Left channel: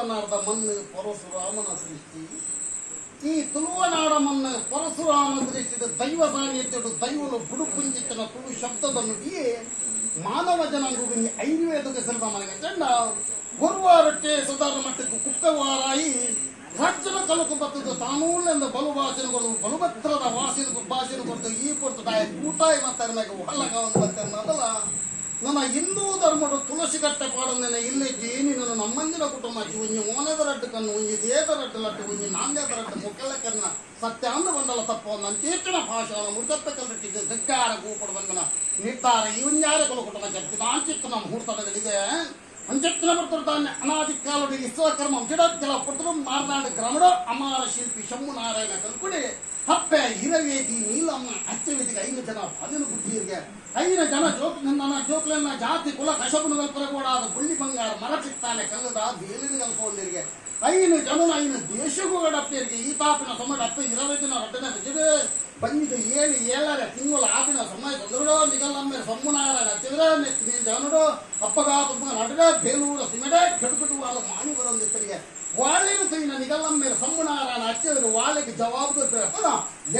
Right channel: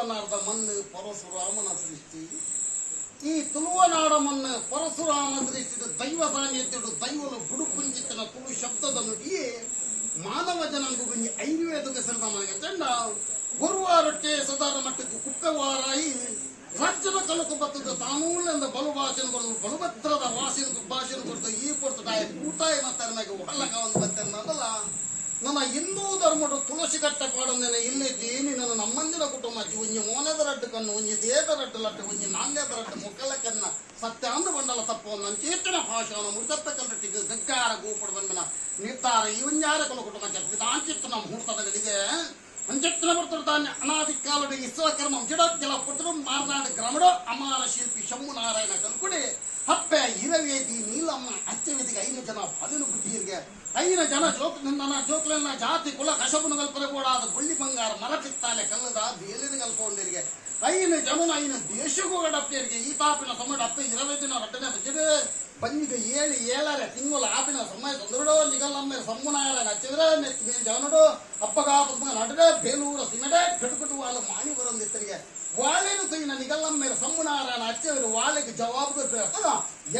ತುಳುವನಾಡದ ಮಣ್ಣು ಪರಶುರಾಮನ ಸೃಷ್ಟಿ. ಈ ತುಳುವನಾಡ ಮಣ್ಣು ಪರಶುರಾಮ ಸೃಷ್ಟಿದ ದೈವ ಸಾನ್ನಿಧ್ಯಡು ದೈವಲು ಬುಡುಪುಂಜಿತ್ತಿನ ತುಳು ಶಬ್ದದ ನುಡಿಯೇ ಮಾನವ ಜನಾಂಗ ಐವೇದಕ್ಕೆ ಸಿಲ್ದ ಮನೆಗೆ ಚೆಂಡ ಗುರುವಾರಕ್ಕೆ ಸದಾರ ಮಟ್ಟಕ್ಕೆ ಕುಪ್ಪವಾರಾಯಿ ರಾಜ್ಯದ ಕಲಕು ಬರ್ತದ ತಾನೂಳೆಂದ ಬಲು ಭಾಷೆನ ಕೊಡದು ಬಲುಭದ್ರದ ಭಾಷೆನ ಕೊಡ್ತು ಈ ಕೊಡ್ತು ಕೂಟಾಯಿ ಮಾತಾಡಿದಾಗ ಒಳ್ಳಗವನ್ನು ಬಂತಲ್ಲ. ನನ್ನ ಹಿಂದೂ ಧರ್ಮದ ತುಳಸಿ ಕಟ್ಟೆ ಪಾಡಂದೇನೆ ಇಲ್ಲೇ ಜೇನಿ ನನ್ನ ನಮ್ಮಂದಿನ ಕುಟುಂಬ ಒಂಜಿ ಮೋನೆದ ರಡ್ಡು ಕಣ್ಣು ಒಂಜಿ ದೇದ ರಡ್ಡು ಲಟ್ಟು ಒಂಜಿ ನಾಂದೇದ ರಡ್ಡು ಮುಕ್ಕಲ ಕನ್ನ ಸತ್ಯಾಂದ ಬಂಡಲ ತಪ್ಪು ನನ್ನ ಚೇತನ ಭಾಷಣ ಮುಡ್ಕತ್ತ ಕಲ್ಲಟ್ಟಿಗೆ ಗಗ್ಗಾರ ಗೂಪಡು ಬಂದನ ನಿರ್ಧಾರ ಇವಂಜಾರ ಕಲ ಕುಟುಂಬ ಜಪ್ಪಿದ ಆಂಚಿತ್ತನ ಮುಹೂರ್ತಗಳಿಗೆ ಅಂಚೆತ್ತಿನ ಬರ್ತಾನೆ ಅನಾದಿ ಕಾಲದ ವಿಶ್ವಕರ್ಮ ಜಿಡೋತ್ಕೆಲ ಪುಟ್ರು ಮಾರ್ನಾಡು ಗ್ರಾಮಡ ಅಮಾರ ಶಿಲ್ಪಿ ಶಂಭು ನಾರಾಯಣ ಕಲ್ಕುಡಿ ಹಪ್ಪೆ ಹಿರವೇದಿ ನೀಲಮ್ಮ ಅಚ್ಚವಿದಿಗೆ 5 ಜನ 10 ಬುದ್ಧಿಯರಿಗೆ 5 ಜನ ಜೋಕ್ಲನ್ನ ಜಾತಿ ಕುಲ ಕಶಪನ ಕಲ್ಪನೆ ಕೂಡ ಅದು ಬುಳ್ಳಿ ಬಂಗಾರ ಮರ ಚಿತ್ತಾಲೆ ಕಲ್ಲದ ಬೇಲಿನ ಕಲ್ಪೊಂದಿರಿಗೆ 5 ಜನ 5 ದೇಶಗೂ ಗಡಪ್ಪಿಯರಿಗೆ ಈ ತಾಪಿನ ಸಮಯ 20 ದಿನ ರಟ್ಟನೆ ಬಿದ್ದಿದೆ ಬಂದಿದ್ದು 7 ತಿಂಗಳ ಆಪಿನ ಸಮಯ ಚಂದ್ರಡೋ ನಿಗಲಮ್ಮೆ ಸಮ್ಮನಾರ ನಚ್ಚಿದ್ರೆ ಜನಡು ಅಪ್ಪಗಾಪ ನಡಡೆ ಬೇಲೂರ ಸಿಂಗಡೆ ಕಡುಕಡು వాళ్ళ ಮಾಣಿ ಬರೋದಿತ್ತರಿಗೆ ವಾಳೆನು ತೈನ ನಿಗಲಮ್ಮೆ ಸಮ್ಮನಾರ ಹಚ್ಚಿದ್ರೆ ವಾಳೆಗೆ ಜವಾಬ್ದಾರಿ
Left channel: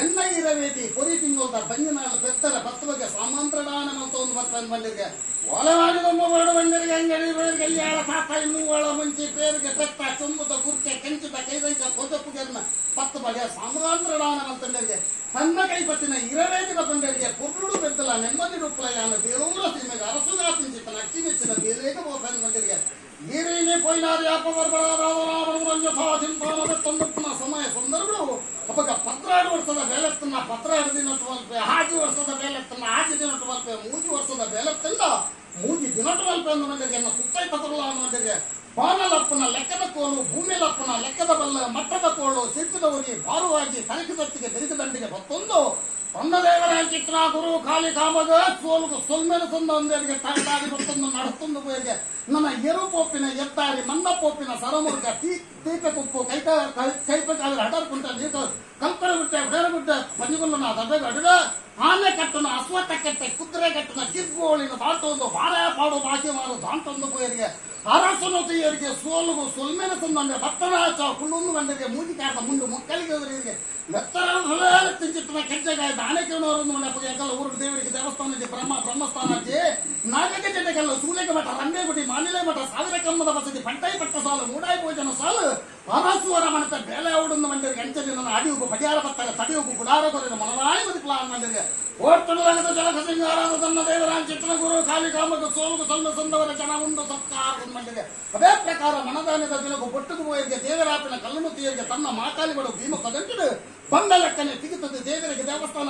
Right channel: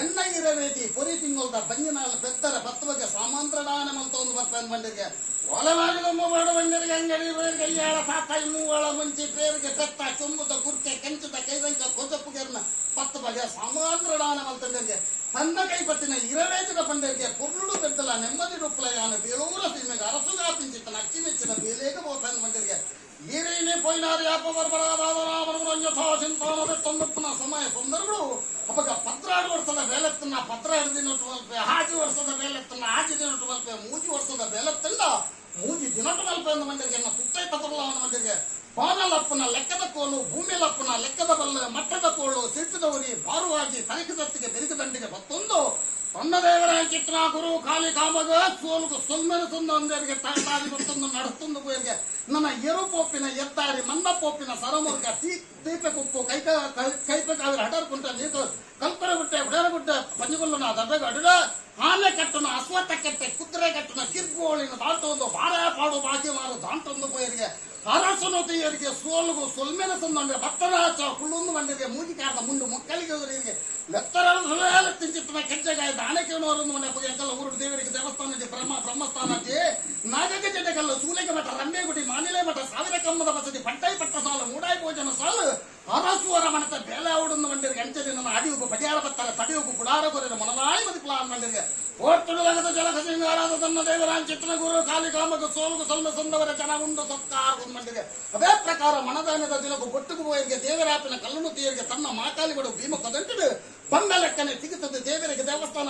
ಎನ್ನ ಇರಬೇತಿ ಪೊರಿ ತಿಂಗಳದ ಬಂಜಿನ ಬೆತ್ತರ ಬತ್ತವಗೆ ಸಾಮಂತ್ರದಾನ ಅಂತ ಒಂದು ಬರ್ತಾನೆ ಬಂದಿರಿಗೆ ಒಲೆ ಮಾಡಿದೊಮ್ಮ ಬೇಡ ಬಂದಿರಿಗೆ ಹೆಂಗೆ ಕಲ್ಯಾಣ ಪಾಪ ಇನ್ನೂ ಒಳ ಮುಂಚೆ ಪೇರಿಗೆ ಬೆತ್ತ ಚುಂಬುದ ಕುರ್ಕೆ ಕೆಂಚಿದ ಕೈದಂಕ ಕೊದ್ದಪ್ಪುಗೆನ್ನ 10 ಬಗೆಯ ಸಾಮಂತ್ರದಾನ ಅಂತಂದರಿಗೆ ತನ್ನ ಕೈಪತ್ತಿನ ಇರವೇತಿನ ಬಂದರಿಗೆ ಪುರುಡು ಬೆದ್ದಲ ನೆಮ್ಮದಿ ರುಪ್ಲಯಾನ ಬೇಲೂರ ಸಿನಿಮೆಗೆ ಅರಸುಗಾ ತಿಂಚಿತನ ಅಚ್ಚಿಮೆಚ್ಚಿನ ಬೇಲೇಗ ಬೋಪನ ಬಂದಿರಿಗೆ ಈರೇನೆ ಪೊಯ್ನಾರಿ ಅಪವರ್ಬರಾಜಿಂಪಾನ ಸಮಯ ಸಂದರ್ಭಗಳು ಅಪ್ಪಗ 12 ವರ್ಷದ ಬೇಲೆತ್ತನ್ನ 12 ದಿನಟ್ಟು ಹಾಜಿ ವರ್ಷದ ಬೇಲೆತ್ತನ್ನ ಹಾಜಿ ದಿನಟ್ಟು ಮಲ್ಪೆ 3 ವರ್ಷದ ಬೇಲೆತ್ತಲ್ಲ 3 ದಿನಟ್ಟು ಮಲ್ಪೆ ಅಂದ ಮಂದಿರಿಗೆ ಎನ್ನ ತುತ್ತೈ ಪತ್ರಲ್ಲ ಅನ್ನೋ ಮಂದಿರಿಗೆ ಬಾನಲಪ್ಪನ ಲೆಕ್ಕದ ಕೋಲು ಭೂಮಿಲಪ್ಪನ ಲೆಕ್ಕದ ಬಲ್ಲ ಮಟ್ಟದ ಕೋಳು ಸಿಟ್ಟಿದವರಿ ಬಾರುವಾಗಿ ತನಿಖೆ ಬೆರಿದ ದಂಡಿಗೆ ಮತ್ತೊಂದು ತನ್ನದೇವರ ಚಿತ್ರ ಗುರು ಖಾಲಿ ಕಾಮಗ ಸೋಲು ಸೊಲ್ಮೆನ ತಂದರಿಗೆ ತಾಗಿ ಮತ್ತೊಂದು ನಡೆತೊಂದು ಪೋಯಿಗೆ ನನ್ನ ಎರುಪೋಪಿನ ಎತ್ತಾರಿ ಮಂದಪೋಪಿನ ಸರಮುರ್ಗ ತೀಪೆ ಕುಕ್ಕು ಕೈಪೆ ಕಾವಿರ ಹಡರ್ಕುಂಟ ನೀರು ಕಲ್ಪನೆ ಬಿಟ್ಟೆ ಹುಡೇರಗುಡ್ಡ ಪಂಜಗುಲ್ಲನ ದಡ್ಡಗ ಅಡಿದ ಆನೆ ಕಟ್ಟನ ಅಶ್ವತ್ಥ ಕೆಟ್ಟೆ ಕುದುರೆ ಕಟ್ಟನ ಕಿರ್ಗೋಳಿನ ದಾಟೊಂದು ಬಾರೆ ಪಾಡು ಬಾಕಿ ಮಾರು ದಾಂಟೊಂದು ಪೋಯರಿಗೆ ಅರಸನೊತೆಯರಿಗೆ ಸೋಲುಗು ಸೊಲ್ಮೆನ ತಂದ್ರೆ ಭತ್ತನ ಕುಳ್ಳೊಂದು ಗಂಡರಿಗೆ ಮೂಜಿಕಾರದ ಮುಂಡು ಮೊಕ್ಕಲಿಗೆ ಲೆತ್ತರ ತಿಂಚಿತ್ತನ ಕೆಂಚಗಾಯದ ಆನೆಕೆನವರೊಂದು ಮನೆ ಎಂಕಲ್ಲ ಊರು ದೇವರಿಗೆ ದೇವಸ್ಥಾನ ಬ್ರಹ್ಮಸ್ಥಾನ ನಾಗಕ್ಕೆ ಜಟೆಗಲ್ಲ ಸೂಲೆಗೆ ಮಠ ರಂಗೇಗುಡಿ ಮಾನಿಲೆ ಮಠ ಸಾವಿರ ಕಮ್ಮದ ಬಸದಿ ಪಂಟಾಯಿ ಪಟ್ಟ ಸಾಲು ಮೂಡಾಯಿ ಭೋಜನ ಸಾಲು ಅರಸುವರ ಮನತ ಬೇಲೆ ಅವಡನ್ನು ಮಂದಿರಿಗೆ ಅಂಚದಿನ ಅಡಿಯುಗು ಪಟಿಯಾಳ ಬತ್ತಾಗ ತಡಿಯುಗು ಗುಡಾರ ಕೊರಿನ ಮನರಾಯಿ ಮದಿ ಪ್ಲಾನ್ ಮಂದಿರಿಗೆ ಓಟುಲಗದ ಜಲಕ ಸಿಂಗಾರದ ತನ್ನ ದೇವರಾನ್ ಚಿತ್ರ ಗುರು ಖಾಲಿ ಕಾಮಕ ಸೋಲುಗು ಸೊಲ್ಲು ಸಂದವರ ಜನ ಉಂಡು ಸತ್ಕಾರ ಮಂದಿಗೆ ಅದೇ ಪ್ರಕಾರ ಮನದಾನದ ದಿನಗೂ ಬೊಟ್ಟುಗು ಬೋಯರಿಗೆ ದೇವರಾಪಿನ ಕಲ್ಲುನುತಿಯರಿಗೆ ತನ್ನ ಮಾಕಾಲಿಗಳು ಭೀಮ ಕದಂಟಿಡು ಬಂದ ಲೆಕ್ಕನೆ ಸಿಗುತ್ತದೆ ದೇವರಿಗೆ ದೇವಸ್ಥಾನ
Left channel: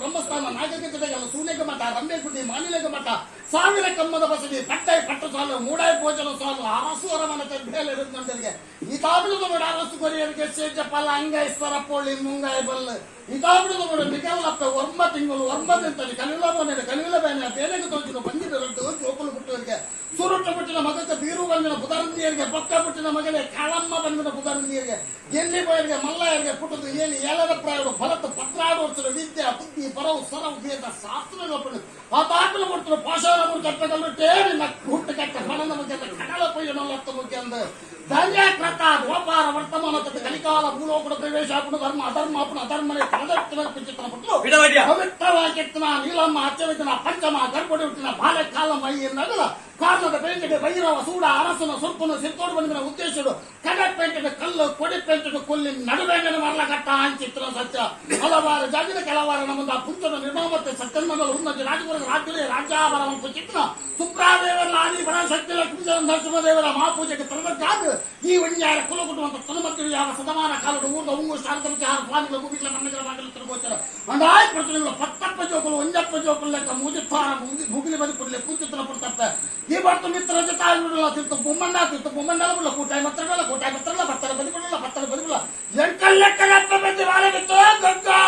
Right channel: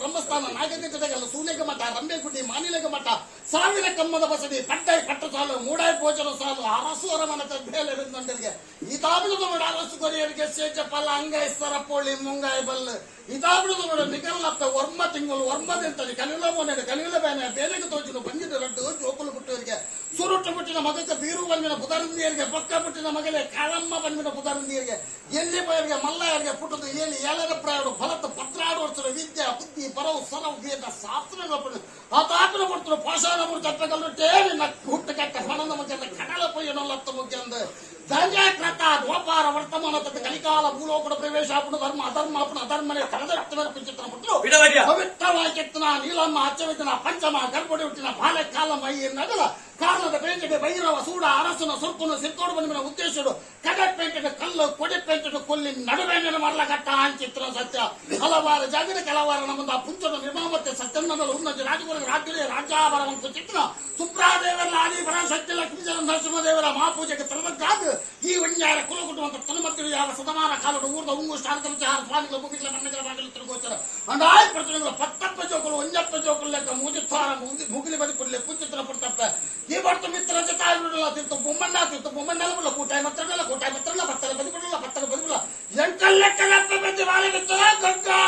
ಬ್ರಹ್ಮಸ್ಥಾನ ನಾಗಕ್ಕೆ ಜೊತೆಗೆಲ್ಲ ಸೂನೆಗೆ ಮಠ ರಂಬೇಗುಡ್ಡಿ ಮಾನಿಲೆಗೆ ಮಠ ಸಾವಿರ ಕಮ್ಮದ ಬಸದಿ ಪಟ್ಟಾಯಿ ಪಟ್ಟು ಸಾಲು ಮೂಡಾಯಿ ಭೋಜನ ಸಾಲು ಅರಸುವರ ಮನತೆ ಬೇಲೆ ಬಂದರಿಗೆ ಈ ತಾಬಿಡುದು ನೋಡಿ ಅರಸು ಕೊರಿಯರಿಗೆ ಸೇಜಪಲ್ಲ ಅಂಗೈಸ್ವರ ಪೋಳಿ ಮುಂಗಾಯಿ ಬಲ್ಲು ಈ ತಾಬಿಡುದು ನೋಡಿ ಮಿಗಲ್ಲಪ್ಪ ಒರ್ಮ ತಿಂಗಳು ಒರ್ಮದಿಂತಲ್ಲಿ ಕಲಿಯುಲ ಮನೆ ಕಲಿಯುಲ ಬೇನೆ ಬೇನೆಗೆ ತೋಚಿದು ಬಂದಿದ್ದು ರಟ್ಟು ಜೋಕುಲು ಬಿಟ್ಟವರಿಗೆ ಸುರುಟ್ಟು ಬಿಟ್ಟಿನ ಮಗಕ್ಕೆ ಬೀರು ಬಂದಿನ ಬುಧರಂದಿಯರಿಗೆ ಬೊಕ್ಕ ಬಿಟ್ಟಿನ ಮಗಲೇ ಕಾಳಮ್ಮ ಬಂದಿನ ಬುಧರಂದಿಯರಿಗೆ ಎಲ್ಲಿ ಬಯರಿಗೆ ಮಲ್ಲಯರಿಗೆ ಪುಟ್ಟದು ಏನಿ ಏಲದ ಪ್ರಾಯರು ಭರತ ಪತ್ರಾಡು ವರ್ಷದ ವಿದ್ಯೆ ಬುದ್ಧಿ ಪರವು ಸರವು ಶಾಸ್ತ್ರ ಆ ತಾಪಿನ ಕೊಡ್ತಾರೆ ಪಾಷಾಣ ಚಟ್ಟಗಲ್ಲು ಟೇರಿ ಹುಟ್ಟು ಕಟ್ಟ ಹಣದ ಮುಖ್ಯ ಕಡಲ ಪೊಯ್ಯನಲ್ಲತ್ತ ಮುಖ್ಯ ಅಂದ ಧನ್ಯ ಪ್ರತಾಪ್ ವ್ಯಾಪಾರ ವರ್ತಮಾನ ಕಲಿಕಾಲ ಭೂಲೋಕದ ಪ್ರವೇಶ ಅಪುಣ ಧರ್ಮ ಅಧರ್ಮ ಅಪುಣ ಅಧರ್ಮನೆ ಕಳೆದಟ್ಟಿನ ಚಿತ್ರ ಬಿಟ್ಟು ಪವಿತ್ರವಾಗಿನ ನೀಲಮ್ಮ ಅಚ್ಚವಿನ ಪಂಚಮ ಗರ್ಭಡಿ ಹುಟ್ಟಿನ ಬಾಲ್ಯ ಕಾಲ ಮೈ ನಗಲ ಕಾರಣದ ಬೆಂಕಿಗೆ ಭೈರವ ಸೂಡ ಅರಸನ ಸುರ್ಪುನ ಸಿರ್ತೋಡು ಬಂದಿನ ಉದ್ದೇಶರು ಕಡಕ್ ಪೇಂಟಿನ ಕಲ್ಲು ಕೊಡಿ ಪೇಂಟಿನ ಕೊಲ್ಲಿ ನಡುಬೇಂಗನ ಮರಳಗಟ್ಟ ಅಂಚಿತ್ರ ಸತ್ಯ ಹಲವಾರು ಜಾತಿನ ಕೆಲವಾರು ನಮ್ಮದ ಪುಂಚನ ನಿರ್ಮಾಮತೆ ಸತ್ಯನ್ನಗಳು ಉನ್ನತಿ ರಾಜಗುರು ರಾಜ್ಯ ರಾಜ್ಯಾಭರವಂತ ಚಿತ್ರ ಸುಪ್ರಾದೇವರ ಆದಿ ಬಣ ಶಕ್ತಿ ಲಕ್ಷ್ಮೀ ನರಸಿಂಹದೇವರ ಮಹಾಪೂಜೆಗೆ ತರಬೇಕಾದ ಈ ವಿಣ್ಯಾರ ಕುಲಗುಟ್ಟುವಂತ ತನುಮತ್ತಿರು ಯಾವ ಶತಮಾನ ಕಾಲದ ಊರ್ದ ಉಂಗು ಶಾರದಮತಿ ಆರು ಸ್ವಾಮಿಗಳ ಮುಗಿಗಳ ಮಣ್ಣಗಳ ಬಾಗಿಲು ತಿರುಗೋಚರ ಅಂದಾಯ ಪ್ರತಿನಿಧಿಗಳು 10 ಜೋಕುಲು 1 ಜೋಕುಲು ಲೆಕ್ಕ ಮುಗಿತಾರ ಮುಗಿಲಿ ಬದಿ ಕೊಡ್ಲಿ ಪುಂಚಿತ್ರ ಪಡ್ತಪ್ಪ ಈ ಬರ್ತು ಮಿತ್ರ ಜೊತೆ ತಿರ್ತು ಬೊಮ್ಮಂಡ ಕೂಟಾಯಿ ಮತ್ತಲ್ಲ ಬತ್ತರ ಬದಿಬಿಡಲ್ಲ ಎಂಕಲ್ ಲೆಕ್ಕ ಬಂದು ಬಾಳೆ ಬಿತ್ತು ಗಂಗಾ